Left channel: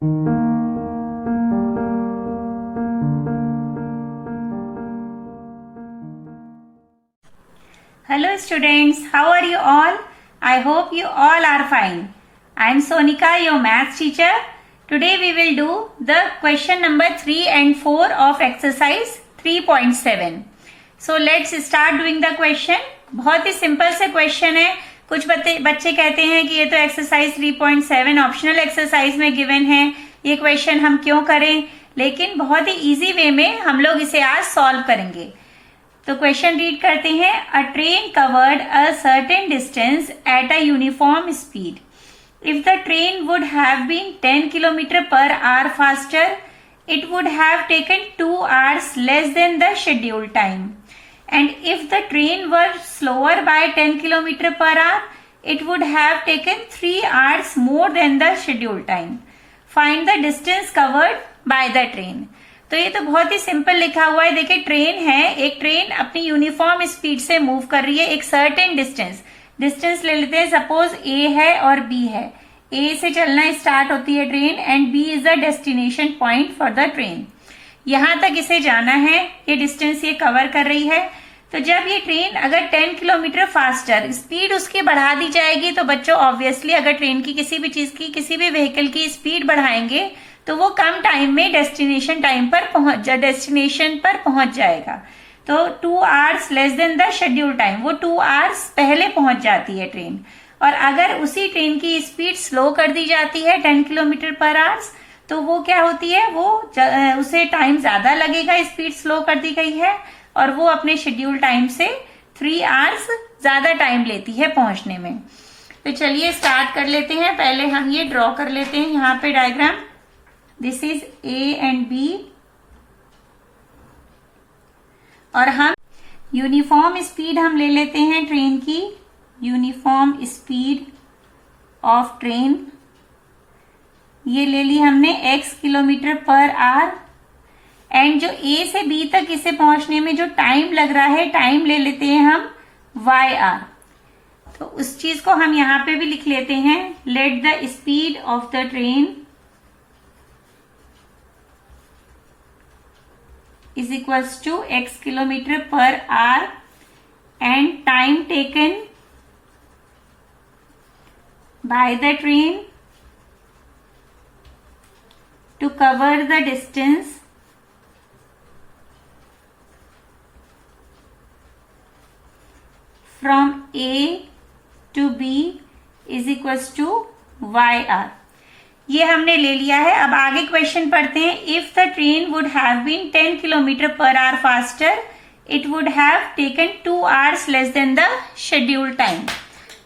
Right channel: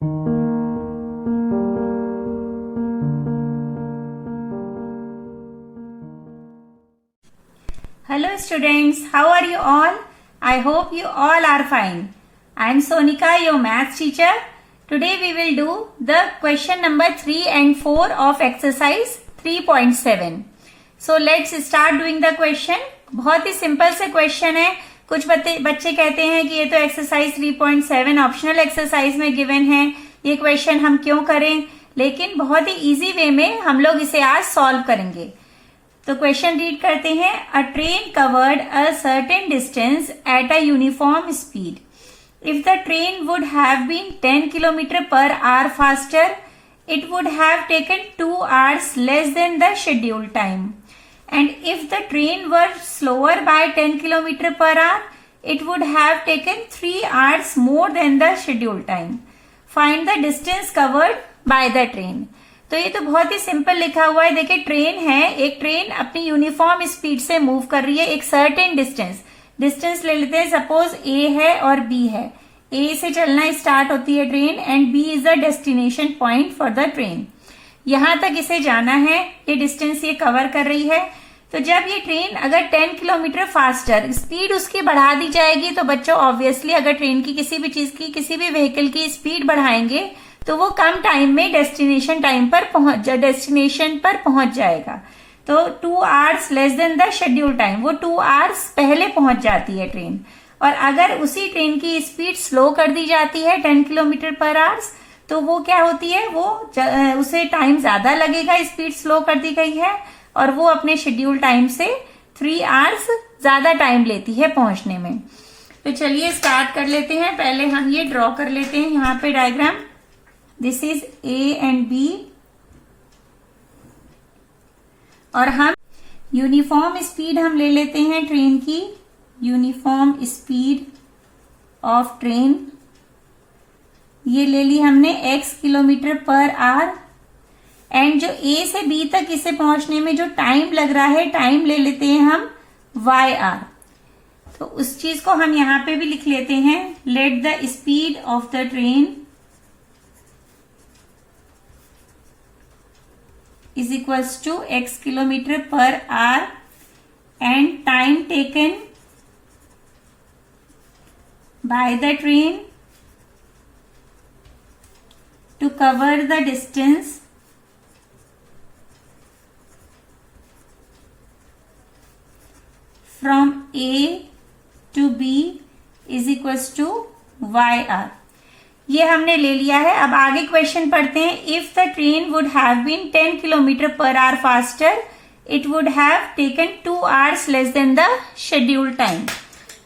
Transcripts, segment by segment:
Hello students, how are you all? I hope you all are fine. I am Sonika, your maths teacher. Today we will do the question number 3 and 4 of exercise 3.7. So let's start doing the question. बहुत ही simple से question है. कुछ बच्चे कहते हैं कि ये तो एक्सरसाइज 3.7 ऑप्शनल एक्सरसाइज में गिवन है, ये क्वेश्चन हम क्यों करें, लेकिन बहुत ही इजी वे में हम लोग इसे आज सॉल्व करेंगे. तो क्वेश्चन रीड करते हैं. A train covered a certain distance at a uniform speed. If the train would have been 10 kilometre per hour faster, it would have taken 2 hours less than the scheduled time. And if the train were slower by 10 km per hour, it would have taken 3 hours more than the scheduled time. Find the distance covered by the train. तो ये तो बहुत ही simple लिखा हुआ है. देखिए train है, एक ट्रेन अपनी यूनिफॉर्म स्पीड से मूव कर रही है एक सर्टेन डिस्टेंस ले लेते हैं. सपोज ए है और बी है. ए से चलना स्टार्ट होती है train and B is the destination point for the train. यहां तक इसे जाना है, ये डिस्टेंस ये कवर कर रही है. तो जब ये ट्रेन अगर 10 किलोमीटर फास्टर स्पीड उसकी बढ़ा दी जाएगी, तो बच्चों ऑब्वियसली अगर ट्रेन की किसी भी चीज की किसी भी व्हीकल की स्पीड बढ़ाएंगे तो वो कम टाइम में डेस्टिनेशन पर पहुंच जाएगा. तो 2 hours less than the schedule time, वो 2 आवर्स पहले पहुंच जाती है ट्रेन. और अगर उसी ट्रेन की स्पीड स्लो कर दी जाती है 10 किलोमीटर पर आवर्स, तो वो क्या होती है, वो उसे टाइम ज्यादा लगेगा, स्पीड स्लो कर दी गई है और वो अपने शेड्यूल टाइम से 3 आवर्स ज्यादा टाइम लेती है पहुंचने में. तो चलिए स्टार्ट कर लेते हैं. पहले हम ये ड्रॉ कर लेते हैं यहाँ पे diagram. This is A and B और हम यूनिफॉर्म स्पीड हम ले लेते हैं ट्रेन की. यूनिफॉर्म स्पीड ऑफ ट्रेन ये ले ली हमने x kilometre per hour. And जो A से B तक इसे पहुंचने में जो टाइम लग रहा है, टाइम ले लेते हैं हम YR. तो उस चीज को हम यहां पे भी लिख लेते हैं. Let the speed of the train is equals to x kilometre per hour and time taken by the train to cover the distance from A to B is equals to YR. ये हमने ले लिया है. अब आगे question पढ़ते हैं. If the train would have been 10 kilometre per our faster, it would have taken 2 hours less than the scheduled time.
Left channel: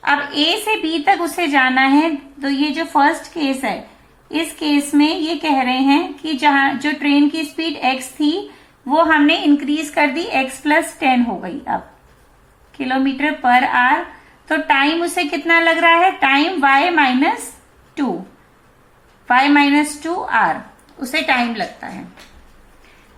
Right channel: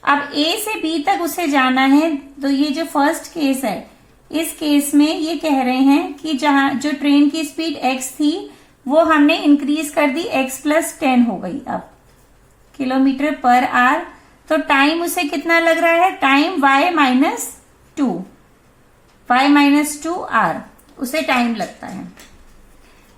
अब A से B तक उसे जाना है. तो ये जो फर्स्ट केस है, इस केस में ये कह रहे हैं कि जहां जो ट्रेन की स्पीड x थी वो हमने इंक्रीज कर दी, x+10 हो गई अब किलोमीटर पर आवर. तो टाइम उसे कितना लग रहा है, टाइम y-2 आवर उसे टाइम लगता है.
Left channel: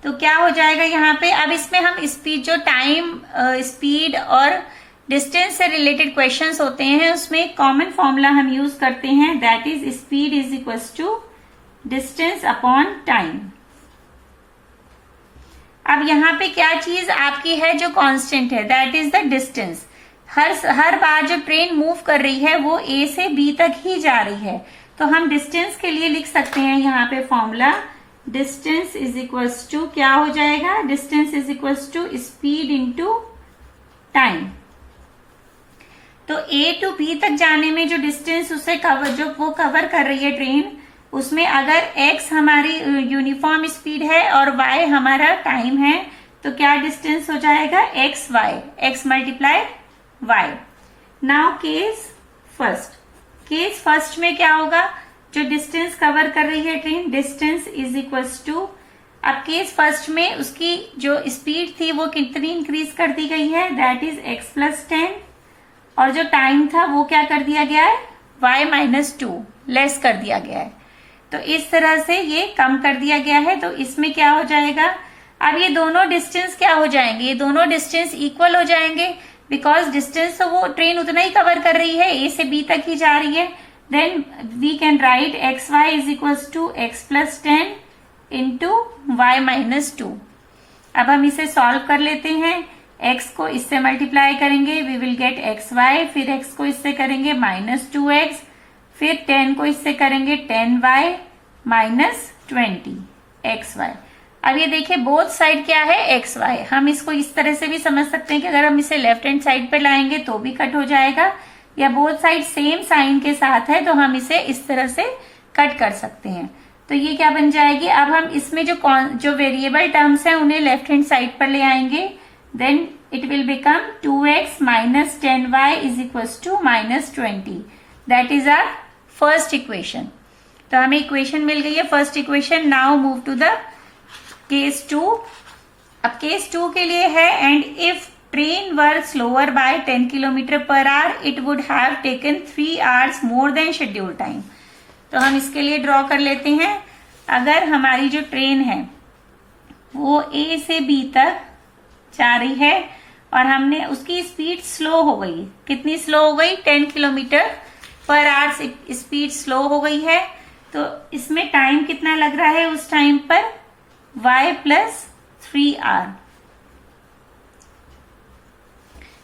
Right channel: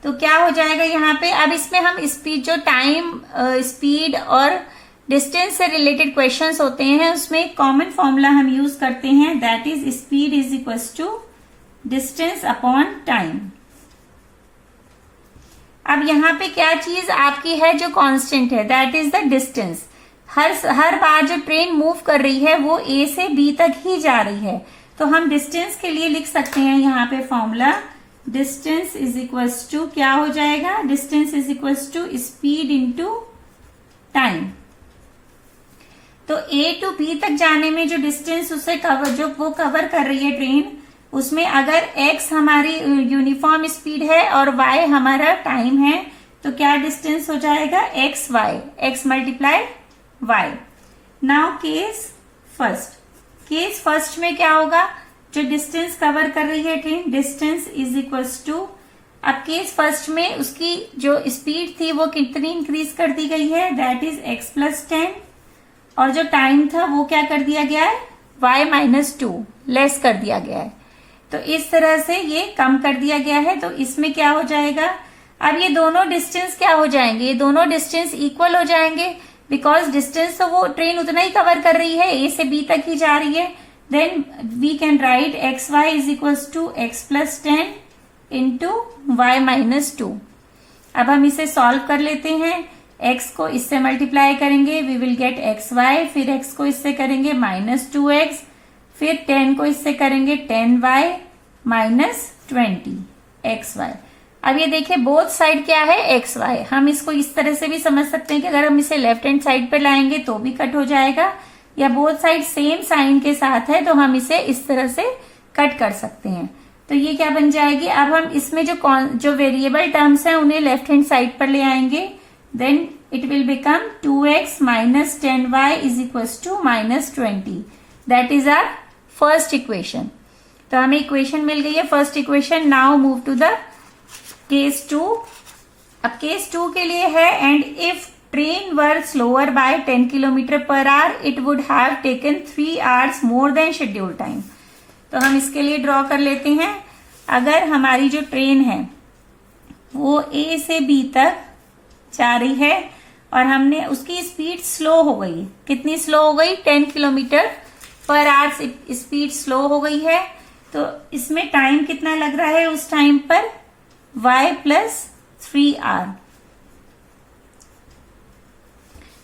तो क्या हो जाएगा यहाँ पे. अब इसमें हम स्पीड जो टाइम स्पीड और डिस्टेंस से रिलेटेड क्वेश्चंस होते हैं उसमें कॉमन फॉर्मूला हम यूज करते हैं. That is speed is equals to distance upon time. अब यहाँ पे क्या चीज आपकी है जो कांस्टेंट है, दैट इज द डिस्टेंस. हर बार जो ट्रेन मूव कर रही है वो A से B तक ही जा रही है. तो हम डिस्टेंस के लिए लिख सकते हैं यहाँ पे formula. Distance is equals to क्या हो जाएगा, distance is equals to speed into time. तो A टू B तक जाने में जो डिस्टेंस उसे कवर कर रही है ट्रेन, उसमें अगर x हमारी यूनिफॉर्म स्पीड है और y हमारा टाइम है, तो क्या डिस्टेंस हो जाएगा, x multiply y. Now case first में क्या होगा, जो डिस्टेंस कवर कर रही है train, distance is equals to. अब केस फर्स्ट में उसकी जो स्पीड थी वो कितनी इंक्रीज कर दी गई है, दैट इज x+10. और जो टाइम था वो क्या कर दिया गया है, y-2 लेस कर दिया गया है. तो इस तरह से ये कम कर दिया गया है. तो इसमें क्या हो जाएगा, अब ये दोनों डिस्टेंस क्या हो जाएंगे, ये दोनों डिस्टेंस इक्वल हो जाएंगे. बिकॉज डिस्टेंस तो वो ट्रेन उतना ही कवर कर रही है, A से B तक ही जा रही है. then we can write xy is equals to x plus 10 into y minus 2. अब हम इसे सॉल्व कर लेते हैं. x को इससे मल्टीप्लाई करेंगे, वी विल गेट xy, फिर x को इससे करेंगे माइनस 2x, फिर 10 को इससे करेंगे 10y माइनस 20xy. अब ये देखिए बोथ साइड क्या है xy. हम इसको इस तरह से भी समझ सकते हैं कि अगर हम इसे लेफ्ट हैंड साइड पे लाएंगे तो भी कट हो जाएगा, या बोथ साइड सेम साइन के साथ है तो हम इसे इस तरह से कट कर सकते हैं. तो ये क्या बन जाएगी. अब हम इसमें जो वेरिएबल टर्म्स हैं उन्हें लेफ्ट हैंड साइड पर ले आएंगे. Then it will become 2x minus 10y is equal to minus 20. That is our first equation. तो हमें इक्वेशन मिल गई है, first equation. Now move to the case 2. अब केस 2 के लिए है, and if train were slower by 10 kilometre per hour it would have taken 3 hours more than schedule time. तो हम इसके लिए ड्रॉ कर लेते हैं. अगर हमारी जो ट्रेन है वो ए से बी तक जा रही है और हमने उसकी स्पीड स्लो हो गई, कितनी स्लो हो गई, 10 kilometre per our speed slow हो गई है. तो इसमें टाइम कितना लग रहा है उस टाइम पर, y प्लस 3 आर.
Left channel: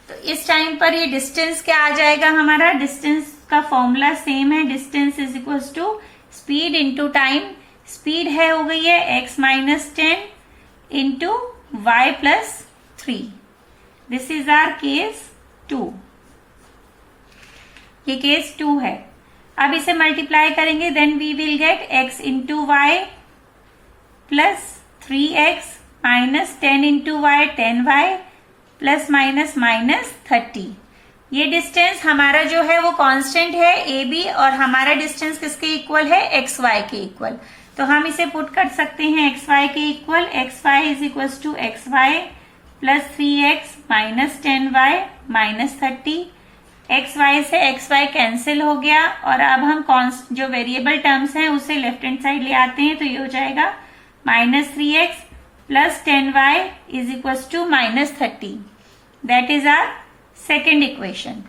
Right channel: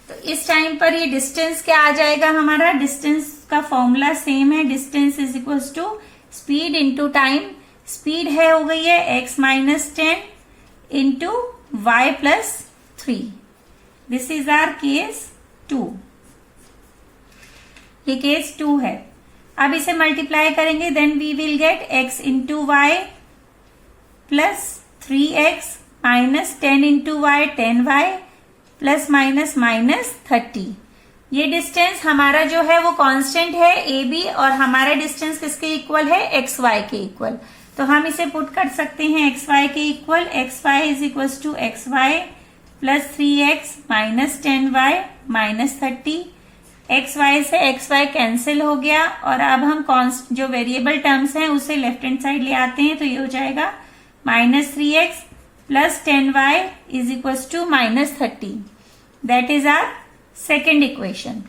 तो इस टाइम पर ये डिस्टेंस क्या आ जाएगा हमारा, डिस्टेंस का फॉर्मूला सेम है, distance is equal to speed into time. Speed है हो गई है x minus 10 into y plus 3. This is our case 2. ये केस 2 है. अब इसे मल्टीप्लाई करेंगे, then we will get x into y plus 3x minus 10 into y 10y plus minus minus 30. ये डिस्टेंस हमारा जो है वो कांस्टेंट है ए बी, और हमारा डिस्टेंस किसके इक्वल है, एक्स वाई के इक्वल. तो हम इसे पुट कर सकते हैं एक्स वाई के equal. X y is equal to x y plus 3x minus 10y minus 30. X y से एक्स वाई कैंसिल हो गया, और अब हम जो वेरिएबल टर्म्स हैं उसे लेफ्ट हैंड साइड ले आते हैं. तो ये हो जाएगा minus 3x plus 10y is equal to minus 30. That is our second equation.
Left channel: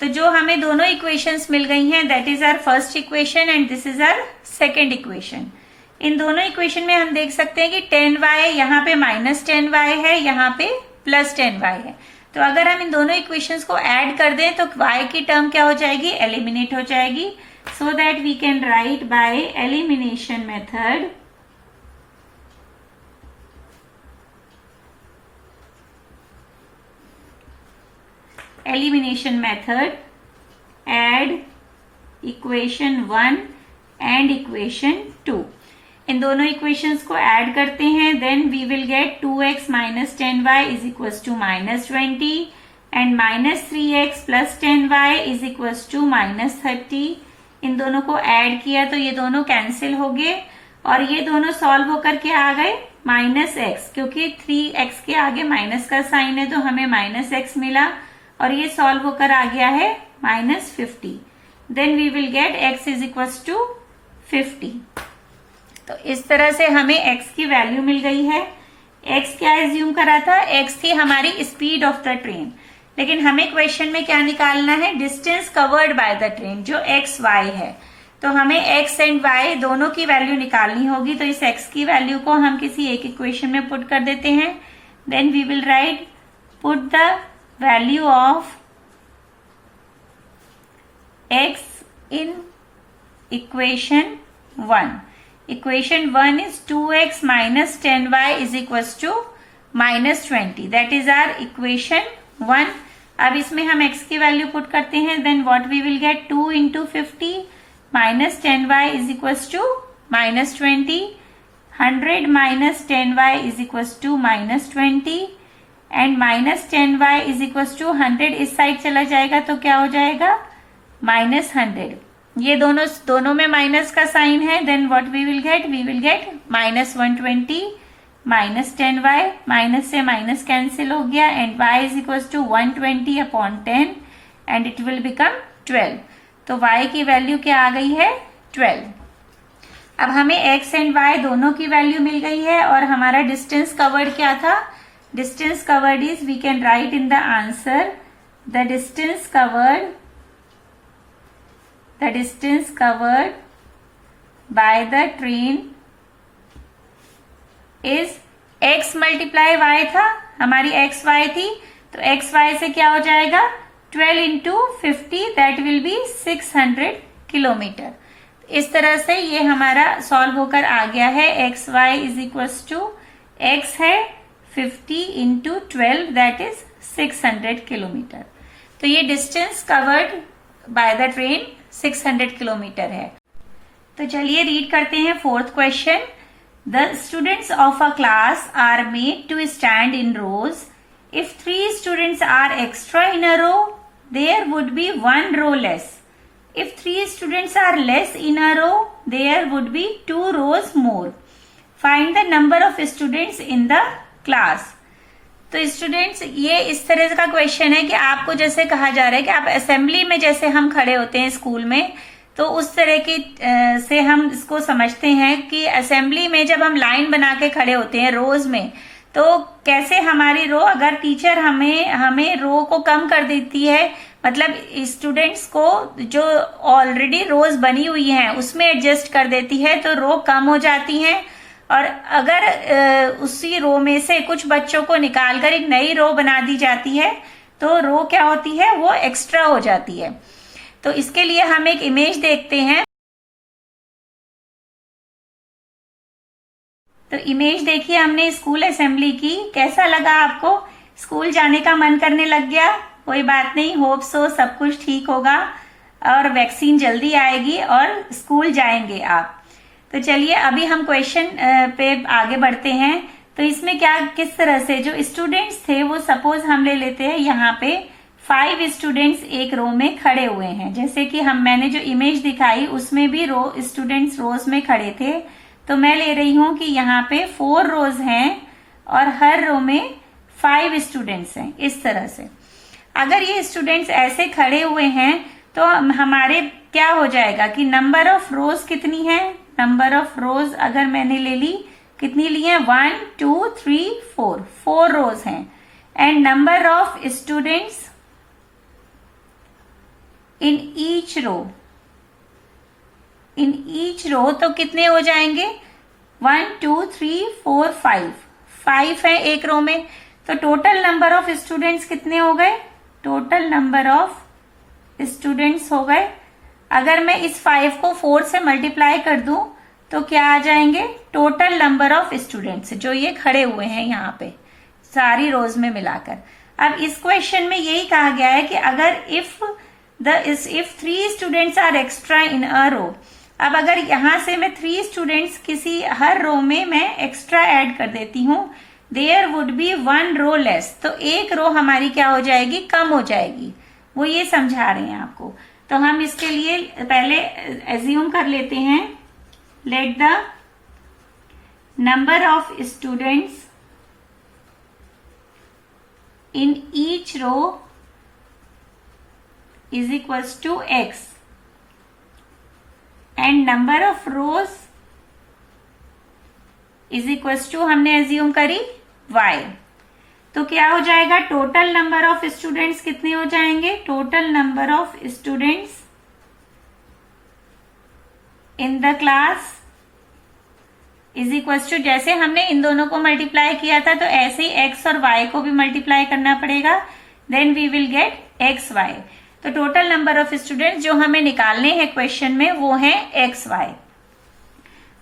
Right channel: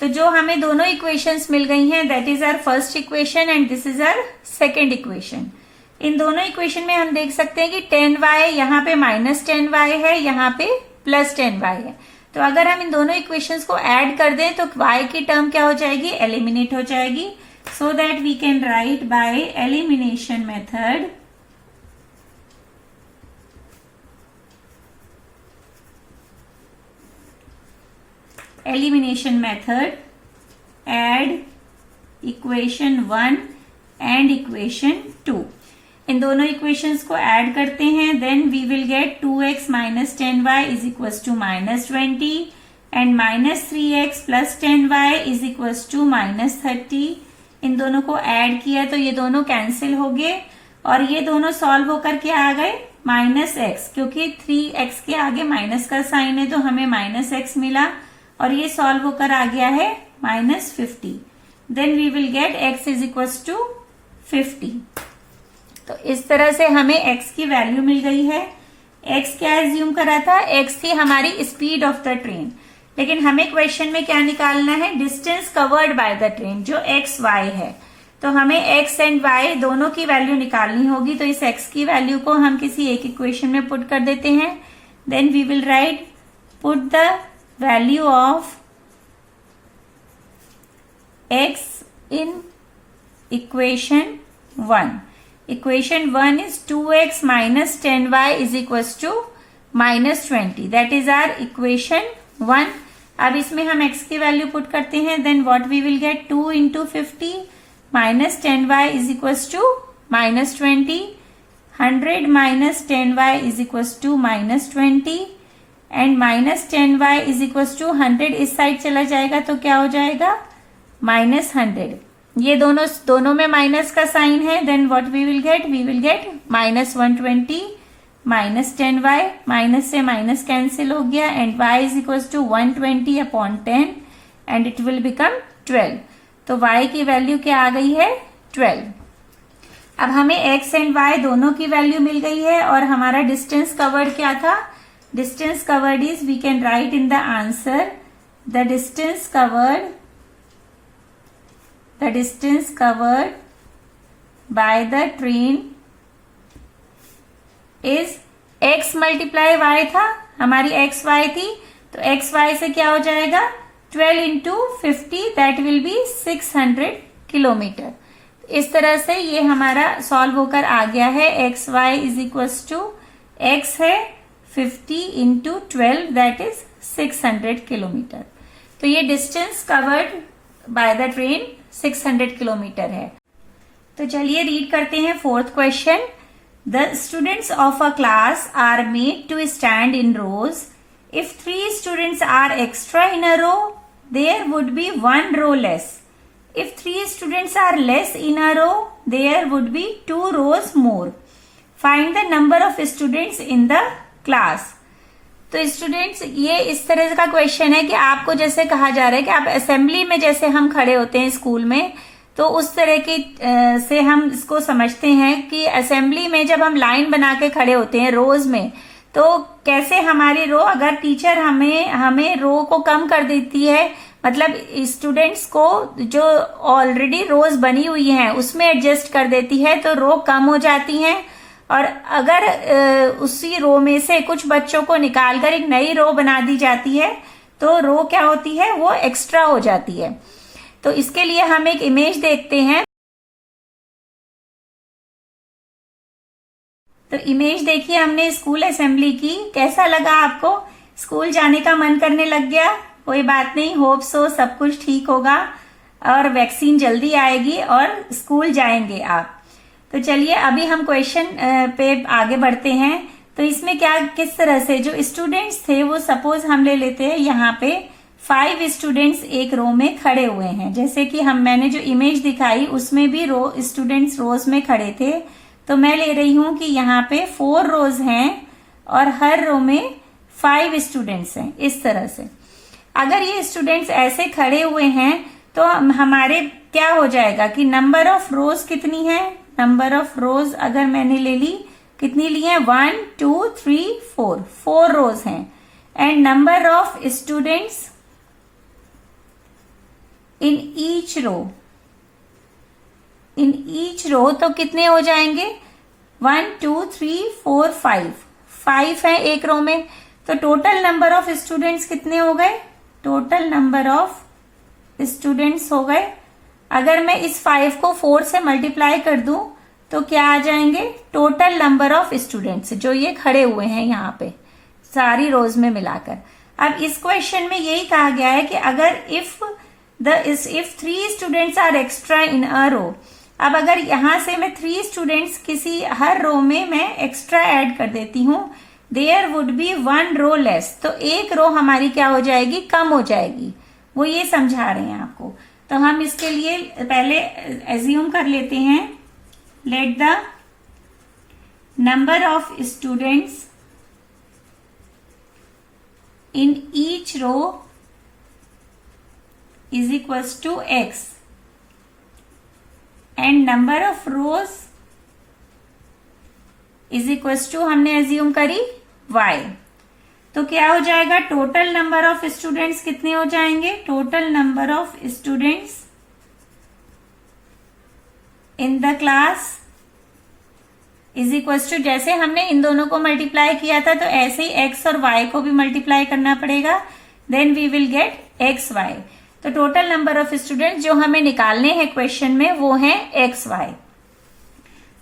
तो जो हमें दोनों इक्वेशंस मिल गई हैं, that is our first equation and this is our second equation. इन दोनों इक्वेशन में हम देख सकते हैं कि 10y यहाँ पे माइनस 10y है, यहाँ पे प्लस 10y है. तो अगर हम इन दोनों इक्वेशंस को ऐड कर दें तो y की टर्म क्या हो जाएगी, एलिमिनेट हो जाएगी. So that we can write by elimination method add equation 1 and equation 2. इन दोनों इक्वेशंस को ऐड करते हैं, then we will get 2x minus 10y is equal to minus 20 and minus 3x plus 10y is equal to minus 30. इन दोनों को add किया तो ये दोनों कैंसिल हो गए, और ये दोनों सॉल्व होकर के आ गए माइनस x, क्योंकि 3x के आगे माइनस का साइन है तो हमें माइनस x मिला, और ये सॉल्व होकर आ गया है minus 50. Then we will get x is equal to 50. तो इस तरह से हमें x की वैल्यू मिल गई है. x क्या एज्यूम करा था, x थी हमारी स्पीड ऑफ द ट्रेन, लेकिन हमें क्वेश्चन में क्या निकालना है, distance covered by the train जो x y है. तो हमें x एंड y दोनों की वैल्यू निकालनी होगी. तो इस x की वैल्यू को हम किसी एक इक्वेशन में पुट कर देते हैं. Then we will write put the value of x in equation 1. Equation 1 is 2x minus 10y is equals to minus 20. That is our equation 1. अब इसमें हम x की वैल्यू पुट करते हैं, then what we will get, 2 into 50 minus 10y is equals to minus 20. 100 minus 10y is equals to minus 20. And minus 10y is equal to 100 इस side चला जाएगा तो क्या हो जाएगा, माइनस 100. ये दोनों में माइनस का साइन है. Then what we will get minus 120 minus 10y, minus से माइनस कैंसिल हो गया, and y is equal to 120 upon 10 and it will become 12. तो y की वैल्यू क्या आ गई है, 12. अब हमें x एंड y दोनों की वैल्यू मिल गई है, और हमारा डिस्टेंस कवर्ड क्या था, distance covered is, we can write in the answer, the distance the distance covered by the train is x multiply y था, हमारी x y थी, तो x y से क्या हो जाएगा 12 into 50 that will B 600 kilometre. इस तरह से ये हमारा सॉल्व होकर आ गया है। X y is equal to x है 50 इंटू 12 दैट इज 600 किलोमीटर। तो ये distance covered by the train 600 kilometre है। तो चलिए रीड करते हैं fourth question. The students of a class are made to stand in rows. If 3 students are extra in a row there would be 1 row less. If 3 students are less in a row, there would be 2 rows more. Find the number of students in the class. तो students ये इस तरह का question है कि आपको जैसे कहा जा रहा है कि आप असेंबली में जैसे हम खड़े होते हैं स्कूल में, तो उस तरह की से हम इसको समझते हैं कि असेंबली में जब हम लाइन बना के खड़े होते हैं रोज में, तो कैसे हमारी रो, अगर टीचर हमें रो को कम कर देती है, मतलब स्टूडेंट्स को जो ऑलरेडी रोज बनी हुई हैं उसमें एडजस्ट कर देती है, तो रो कम हो जाती हैं। और अगर उसी रो में से कुछ बच्चों को निकालकर एक नई रो बना दी जाती है, तो रो क्या होती है, वो एक्स्ट्रा हो जाती है। तो इसके लिए हम एक इमेज देखते हैं। तो इमेज देखिए हमने स्कूल असेंबली की, कैसा लगा आपको? स्कूल जाने का मन करने लग गया? कोई बात नहीं, होप सो सब कुछ ठीक होगा और वैक्सीन जल्दी आएगी और स्कूल जाएंगे आप। तो चलिए अभी हम क्वेश्चन पे आगे बढ़ते हैं। तो इसमें क्या, किस तरह से जो स्टूडेंट्स थे वो सपोज हम ले लेते हैं यहाँ पे 5 स्टूडेंट्स एक रो में खड़े हुए हैं। जैसे कि मैंने जो इमेज दिखाई उसमें भी स्टूडेंट्स रोज में खड़े थे। तो मैं ले रही हूं कि यहाँ पे 4 रोज हैं और हर रो में 5 स्टूडेंट्स हैं। इस तरह से अगर ये स्टूडेंट्स ऐसे खड़े हुए हैं तो हमारे क्या हो जाएगा कि नंबर ऑफ रोज कितनी है, नंबर ऑफ रोज अगर मैंने ले ली, कितनी ली है 1 2 3 4 रोज हैं। And number of students in each row, तो कितने हो जाएंगे 1 2 3 4 5 है एक रो में। तो टोटल नंबर ऑफ स्टूडेंट्स कितने हो गए, टोटल नंबर ऑफ स्टूडेंट्स हो गए, अगर मैं इस 5 को 4 से मल्टीप्लाई कर दूं तो क्या आ जाएंगे, टोटल नंबर ऑफ स्टूडेंट्स जो ये खड़े हुए हैं यहाँ पे सारी रोज में मिलाकर। अब इस क्वेश्चन में यही कहा गया है कि अगर if 3 students are extra in a row, अब अगर यहां से मैं 3 स्टूडेंट्स किसी हर रो में मैं एक्स्ट्रा ऐड कर देती हूं, there would be 1 row less, तो एक रो हमारी क्या हो जाएगी, कम हो जाएगी। वो ये समझा रहे हैं आपको। तो हम इसके लिए पहले एज्यूम कर लेते हैं, let the number of students in each row is equals to x and number of rows is equals to हमने एज्यूम करी y। तो क्या हो जाएगा, टोटल नंबर ऑफ स्टूडेंट्स कितने हो जाएंगे, total number of students in the class is equals to, जैसे हमने इन दोनों को मल्टीप्लाई किया था तो ऐसे ही x और y को भी मल्टीप्लाई करना पड़ेगा, then we will get xy। तो टोटल नंबर ऑफ स्टूडेंट्स जो हमें निकालने हैं क्वेश्चन में वो है xy।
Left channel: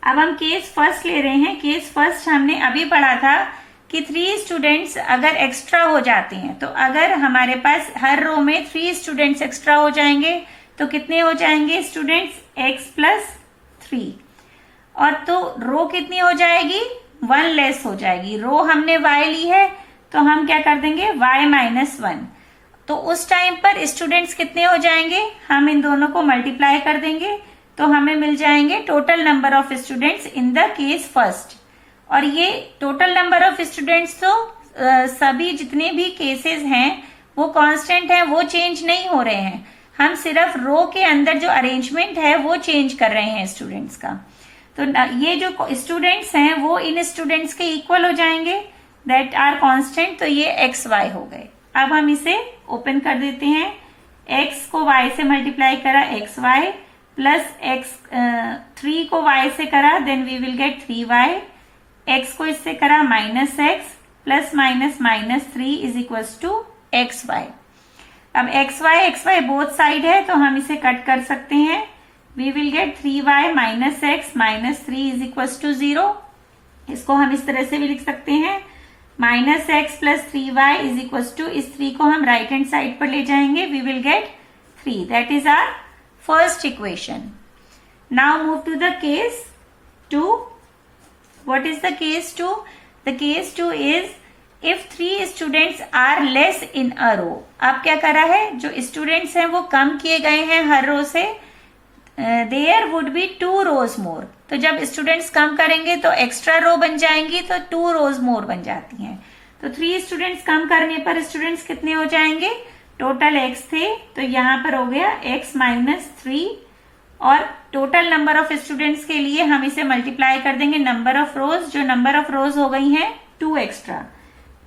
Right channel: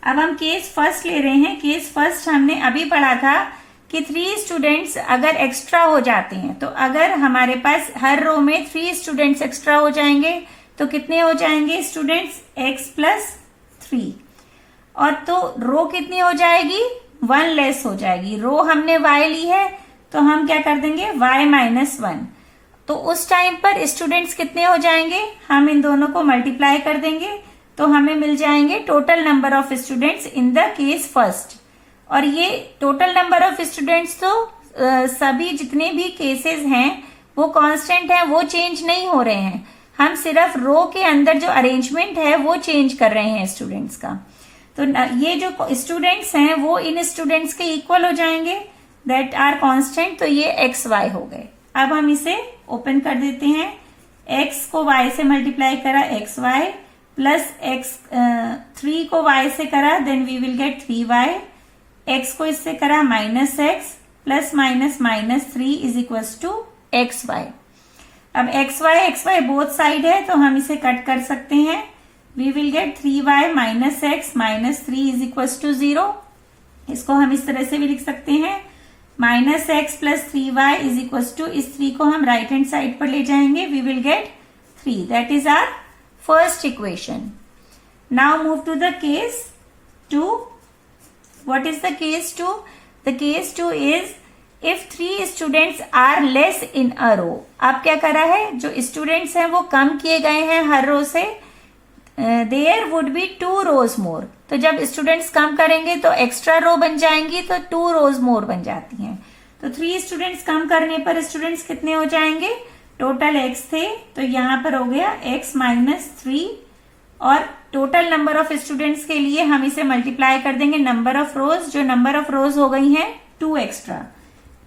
अब हम केस फर्स्ट ले रहे हैं। केस फर्स्ट हमने अभी पढ़ा था कि 3 स्टूडेंट्स अगर एक्स्ट्रा हो जाते हैं, तो अगर हमारे पास हर रो में 3 स्टूडेंट्स एक्स्ट्रा हो जाएंगे तो कितने हो जाएंगे स्टूडेंट्स, x प्लस 3, और तो रो कितनी हो जाएगी, 1 लेस हो जाएगी। रो हमने y ली है तो हम क्या कर देंगे, y माइनस 1। तो उस टाइम पर स्टूडेंट्स कितने हो जाएंगे, हम इन दोनों को मल्टीप्लाई कर देंगे तो हमें मिल जाएंगे total number of students in the case first. और ये टोटल नंबर ऑफ स्टूडेंट्स तो सभी जितने भी केसेस हैं वो कांस्टेंट है, वो चेंज नहीं हो रहे हैं। हम सिर्फ रो के अंदर जो अरेंजमेंट है वो चेंज कर रहे हैं स्टूडेंट्स का। तो ये जो स्टूडेंट्स हैं वो इन स्टूडेंट्स के इक्वल हो जाएंगे, दैट आर कांस्टेंट। तो ये एक्स वाई हो गए। अब हम इसे ओपन कर देते हैं, x को y से मल्टीप्लाई करा xy, प्लस एक्स, 3 को y से करा then we will get 3y, x को इससे करा minus x, plus minus minus 3 is equal to x y. अब एक्स वाई बोथ साइड है तो हम इसे कट कर सकते हैं। We will get 3y minus x minus 3 is equal to 0। इसको हम इस तरह से भी लिख सकते हैं, minus x plus 3y is equal to, इस 3 को हम राइट हैंड साइड पर ले जाएंगे, we will get 3। That is our first equation. Now move to the case 2। What is the case 2? The case 2 is if 3 students are less in a row. अब क्या करा है, जो स्टूडेंट्स हैं वो कम किए गए हैं हर रो से, देयर वुड बी 2 रोज मोर। तो जब स्टूडेंट्स कम करेंगे तो एक्स्ट्रा रो बन जाएंगी, तो 2 रोज मोर बन जाती हैं। तो 3 स्टूडेंट्स कम करने पर स्टूडेंट्स कितने हो जाएंगे? टोटल x थे तो यहां पर हो गया x माइनस 3, और टोटल नंबर ऑफ स्टूडेंट्स के लिए हम इसे मल्टीप्लाई कर देंगे नंबर ऑफ रोज, जो नंबर ऑफ रोज हो गई हैं 2 extra,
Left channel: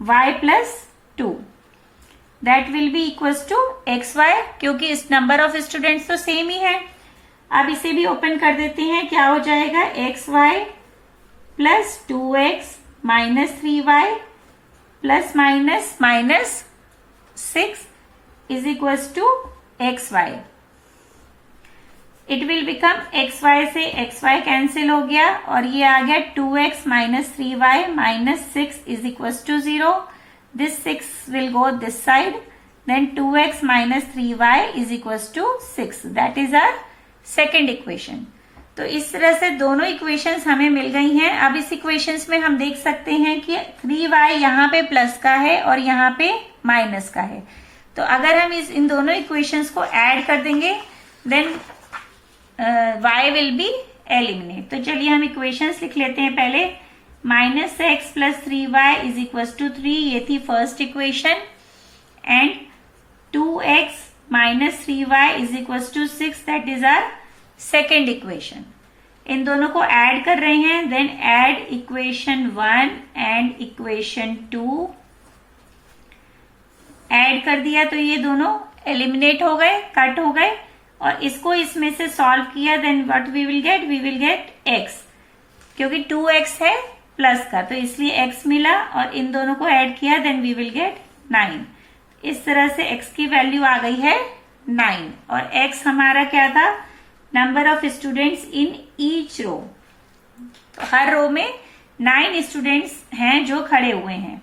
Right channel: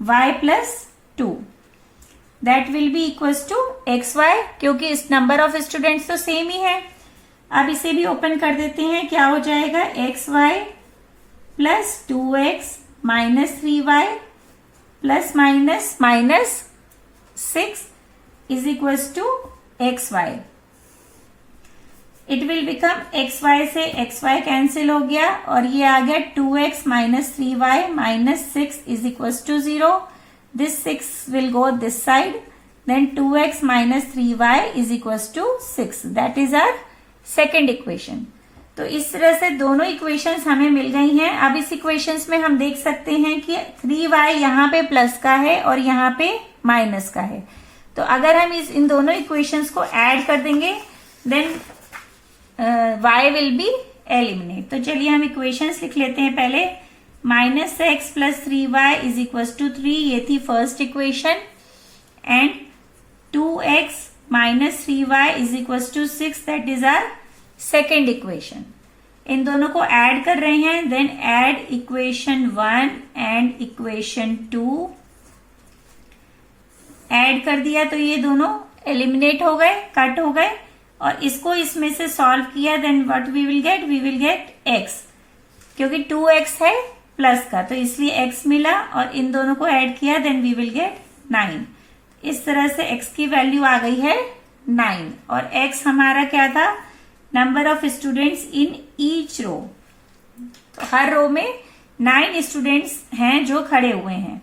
y plus 2, that will be equals to x y, क्योंकि इस नंबर ऑफ स्टूडेंट्स तो सेम ही है। अब इसे भी ओपन कर देते हैं, क्या हो जाएगा, x y plus 2x minus 3y plus minus minus 6 is equals to x y. It will become x y से एक्स वाई कैंसिल हो गया और ये आ गया 2x minus 3y minus 6 is equals to 0। This 6 will go this side, then 2x minus 3y is equals to 6। That is our second equation. तो इस तरह से दोनों इक्वेशंस हमें मिल गई हैं। अब इस इक्वेशंस में हम देख सकते हैं कि 3y यहाँ पे प्लस का है और यहाँ पे माइनस का है। तो अगर हम इन दोनों इक्वेशंस को ऐड कर देंगे then y will be eliminate. तो चलिए हम इक्वेशंस लिख लेते हैं पहले। Minus x plus 3y is equal to 3, ये थी first equation, and 2x minus 3y is equal to 6, that is our second equation. इन दोनों को ऐड कर रहे हैं, then add equation 1 and equation 2। Add कर दिया तो ये दोनों एलिमिनेट हो गए, कट हो गए, और इसको इसमें से सॉल्व किया, then what we will get, we will get x, क्योंकि 2x है प्लस का तो इसलिए x मिला, और इन दोनों को ऐड किया देन वी विल गेट 9। इस तरह से x की वैल्यू आ गई है 9, और x हमारा क्या था, number of students in each row. तो हर रो में 9 स्टूडेंट्स हैं जो खड़े हुए हैं।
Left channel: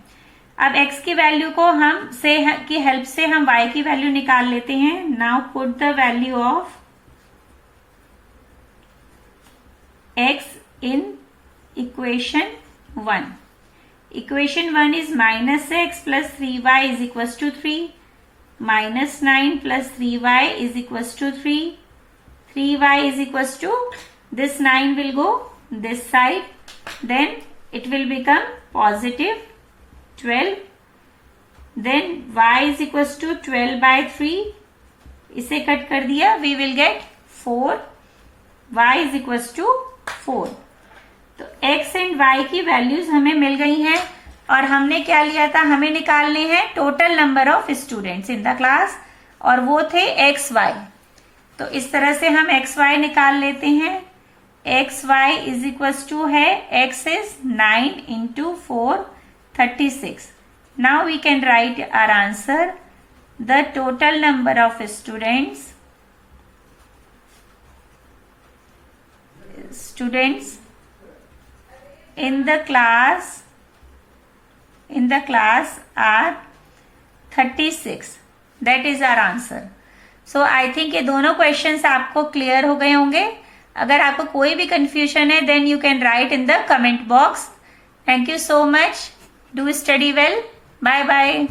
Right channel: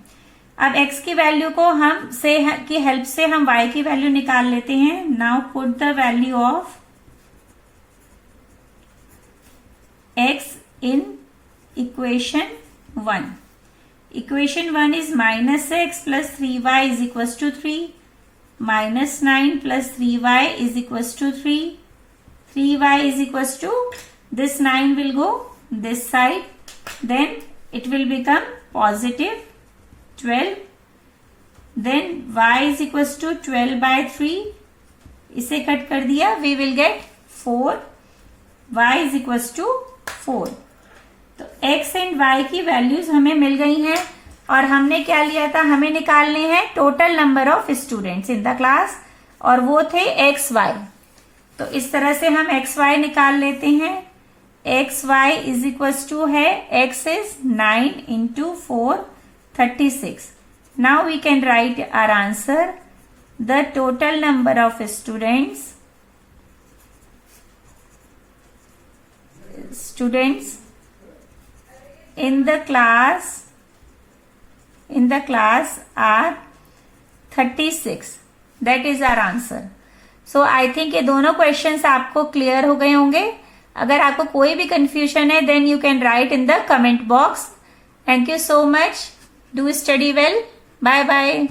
अब x की वैल्यू को हम से की हेल्प से हम y की वैल्यू निकाल लेते हैं। Now put the value of x in equation 1। Equation 1 is minus x plus 3y is equal to 3, minus 9 plus 3y is equal to 3, 3y is equals to, this 9 will go this side, then it will become positive 12, then y is equals to 12 by 3, इसे cut कर दिया, we will get 4, y is equals to 4। तो x and y की values हमें मिल गई हैं, और हमने क्या लिया था, हमें निकालने हैं total number of students in the class, और वो थे एक्स वाई। तो इस तरह से हम एक्स वाई निकाल लेते हैं। X y is equal to है, x is 9 into 4 36। Now we can write our answer, the total number of students in the class are 36. That is our answer. So I think ये दोनों questions आपको clear हो गए होंगे। अगर आपको कोई भी कंफ्यूजन है then you can write in the comment box. Thank you so much. Do study well. Bye bye.